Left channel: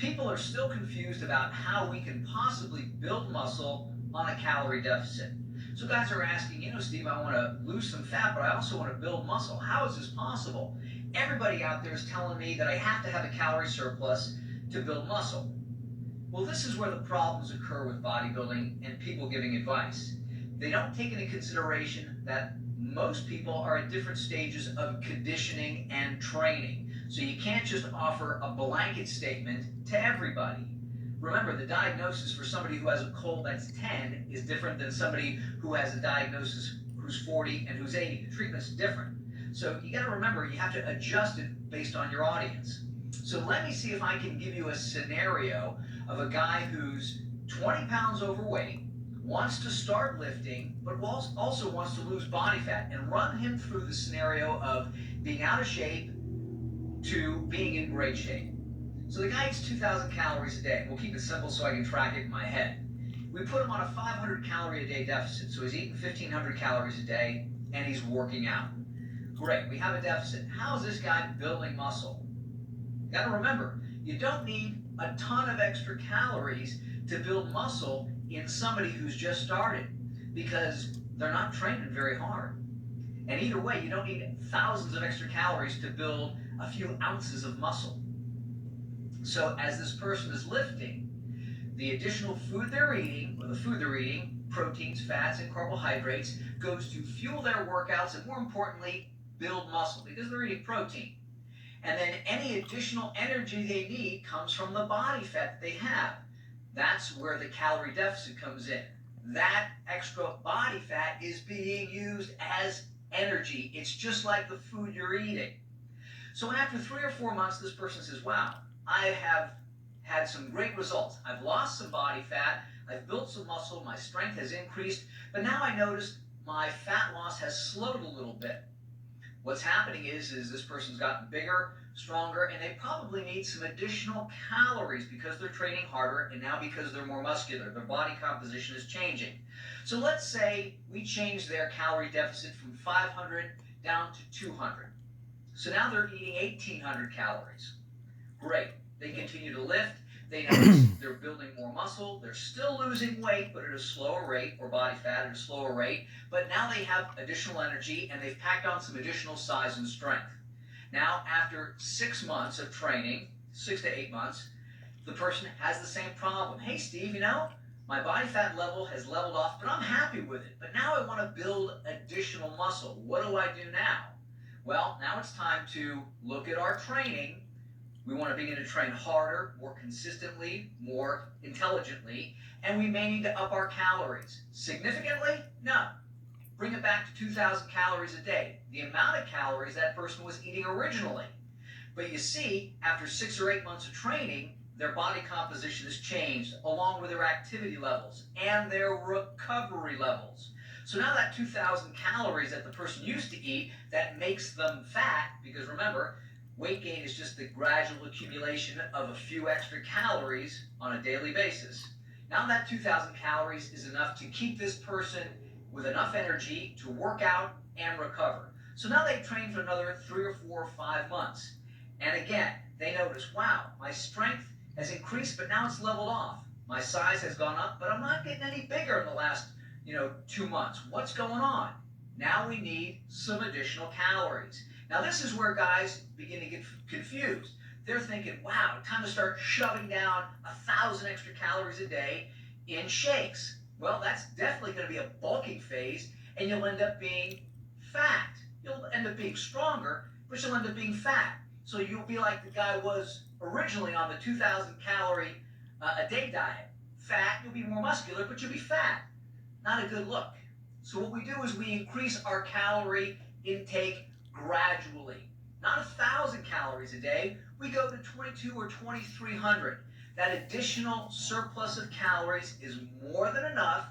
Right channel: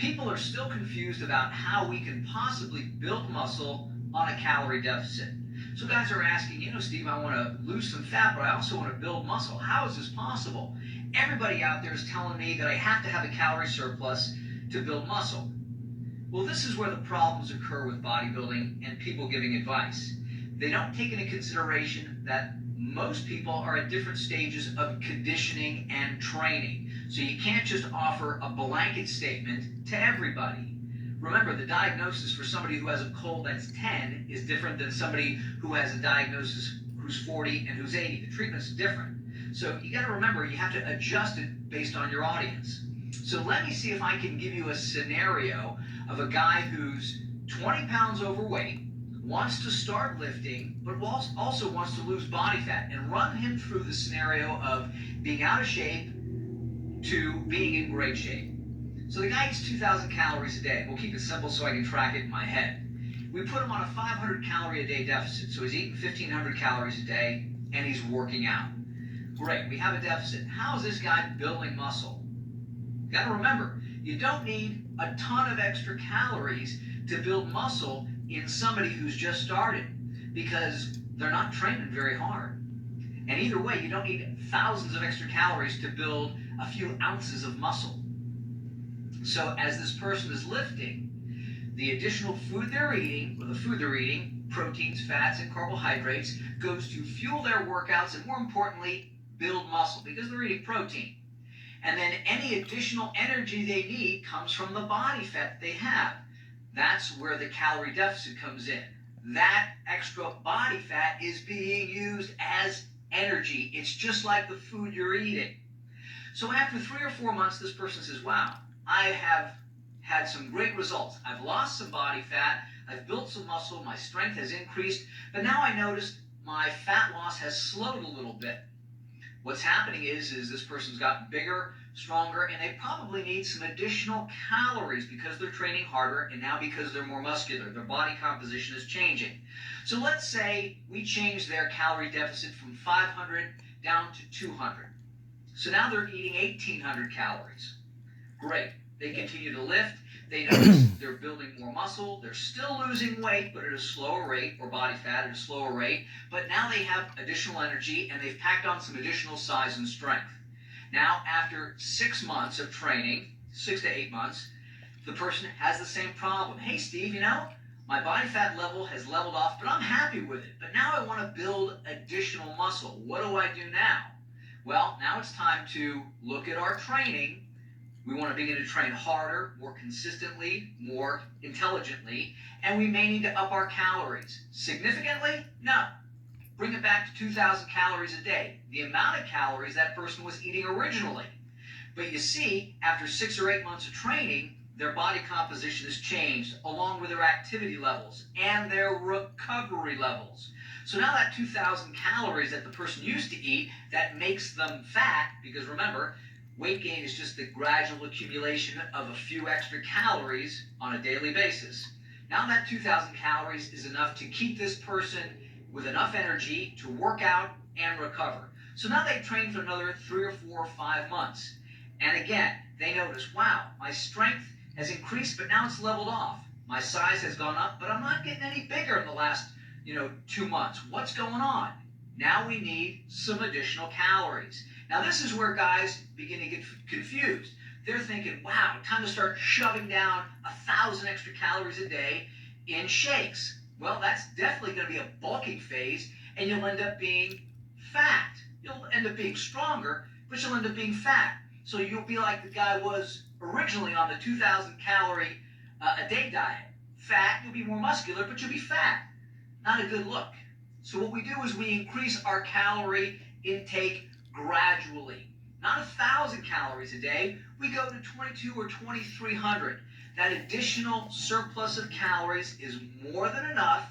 People are still confused about how we can possibly build muscle on a calorie deficit. So guys are asking, Steve, I want to lose some fat, but I also want to build muscle. How is this possible? Everybody out there is telling me that I have to have a calorie surplus to build muscle. Well, this is where the problems occur with bodybuilding and people giving advice. They don't take into consideration that most people are at different stages of conditioning and training. So you can't just offer a blanket statement to everybody. Remember, the diagnosis for somebody who has a cold that's 10 is different than somebody who has a diagnosis who's 40 and who's 80. The treatment's different. So you got to remember, you have to adjust it based on your audience. So let me see if I can give you a scenario of a guy who's 20 pounds overweight, wants to start lifting, but also wants to lose body fat, and run him through the scenario of being out of shape to being in great shape. So the guy eats 2,000 calories a day. We'll keep it simple so I can track it in my head. We put him on a 500 calorie a day deficit, so he's eating 1,500 calories a day, and he's working out. Great, we have a deficit. How is this guy building muscle? You gotta remember, you don't need a ton of extra calories to build muscle in somebody who's just started, because they're not training very hard. And either way, you don't need thousands of extra calories to build a few ounces of muscle. So as this person is lifting, the additional food they're eating, or the food they're eating, proteins, fats, and carbohydrates, goes to fuel their workouts and, more importantly, build muscle, because they're eating protein. And then any additional energy they need comes from the body fat that they have. That's where the calorie deficit comes in. That extra body fat is being used as energy. It's just like the food you're eating. So after 3 or 4 months, this person says, wow, I have had some great results. I've lost some body fat, I've built some muscle, my strength has increased, but now I notice my fat loss has slowed a little bit. What's happening is this person's gotten bigger, stronger, and they probably need some additional calories because they're training harder, and now because they're more muscular, their body composition is changing. So let's say we change their calorie deficit from 500 down to 200. So now they're eating 1,800 calories. Great. They continue to lift. They notice they're building more muscle. They're still losing weight, but at a slower rate, or body fat at a slower rate. But now they have additional energy, and they've packed on some additional size and strength. Now, after 6 months of training, 6 to 8 months, the person has the same problem. Hey, Steve, my body fat level has leveled off, but I'm happy with it. But now I want to build additional muscle. What do I do now? Well, now it's time to look at our training. We want to begin to train harder, more consistently, more intelligently, and we may need to up our calories. Significantly? No. Bring it back to 2,000 calories a day, the amount of calories that person was eating originally. But you see, after 6 or 8 months of training, their body composition has changed, along with their activity levels and their recovery levels. So now that 2,000 calories that the person used to eat, that makes them fat, because remember, weight gain is just the gradual accumulation of a few extra calories on a daily basis. Now that 2,000 calories is enough to keep this person with enough energy to work out and recover. So now they've trained for another 3 or 4 or 5 months. And again, they notice, wow, my strength has increased, but now it's leveled off. My size has gone up, but I'm not getting any bigger in the last 2 months. What's going on? Now we need some additional calories. Now this is where guys begin to get confused. They're thinking, wow, time to start shoving down 1,000 extra calories a day in shakes. Well, that's definitely going to be a bulking phase, and you'll end up being fat. You'll end up being stronger, but you'll end up being fat. So you'll be like the guy was originally on the 2,000 calorie a day diet. Fat, you'll be more muscular, but you'll be fat. Not a good look. So what we do is we increase our calorie intake gradually. Not 1,000 calories a day, we go to 2,200 or 2,300. That additional surplus of calories is more than enough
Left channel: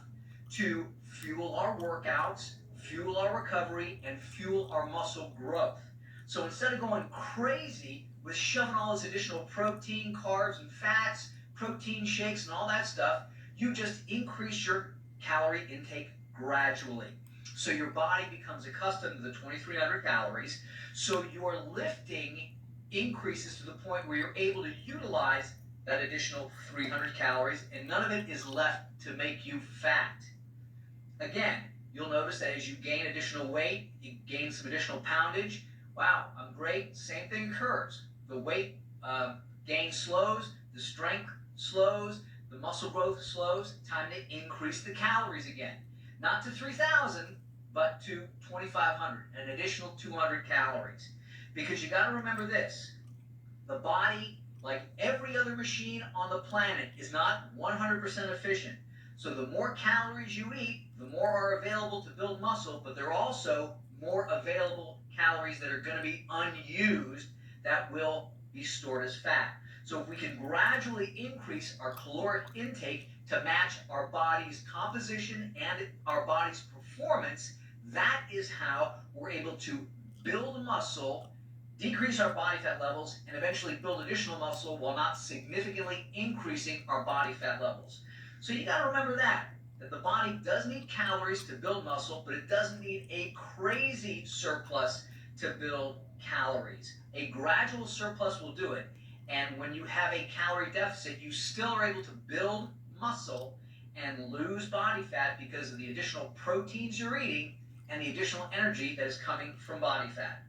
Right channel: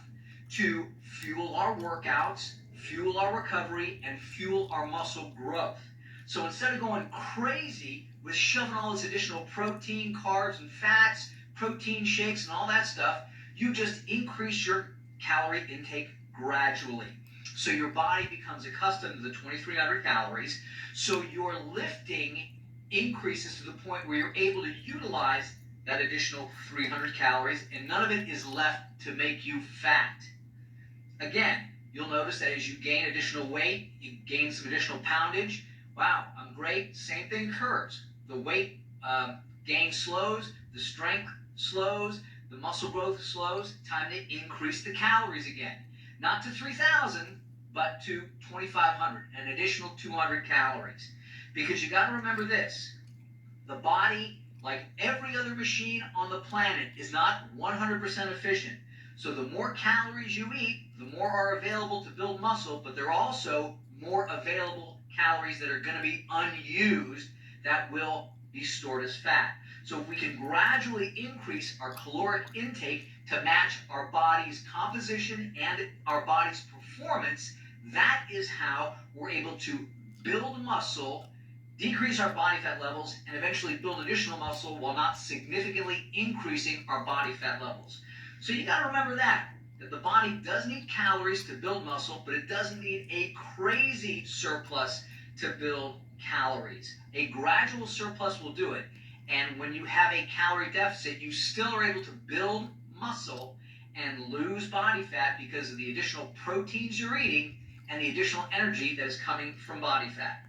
to fuel our workouts, fuel our recovery, and fuel our muscle growth. So instead of going crazy with shoving all this additional protein, carbs, and fats, protein shakes, and all that stuff, you just increase your calorie intake gradually. So your body becomes accustomed to the 2,300 calories, so your lifting increases to the point where you're able to utilize that additional 300 calories, and none of it is left to make you fat. Again, you'll notice that as you gain additional weight, you gain some additional poundage. Wow, I'm great. Same thing occurs. The weight gain slows, the strength slows, the muscle growth slows. Time to increase the calories again. Not to 3,000, but to 2,500, an additional 200 calories. Because you got to remember this, the body, like every other machine on the planet, is not 100% efficient. So the more calories you eat, the more are available to build muscle, but there are also more available calories that are going to be unused that will be stored as fat. So if we can gradually increase our caloric intake to match our body's composition and our body's performance, that is how we're able to build muscle, decrease our body fat levels, and eventually build additional muscle while not significantly increasing our body fat levels. So you got to remember that the body does need calories to build muscle, but it doesn't need a crazy surplus to build calories. A gradual surplus will do it. And when you have a calorie deficit, you still are able to build muscle and lose body fat because of the additional proteins you're eating and the additional energy that is coming from body fat.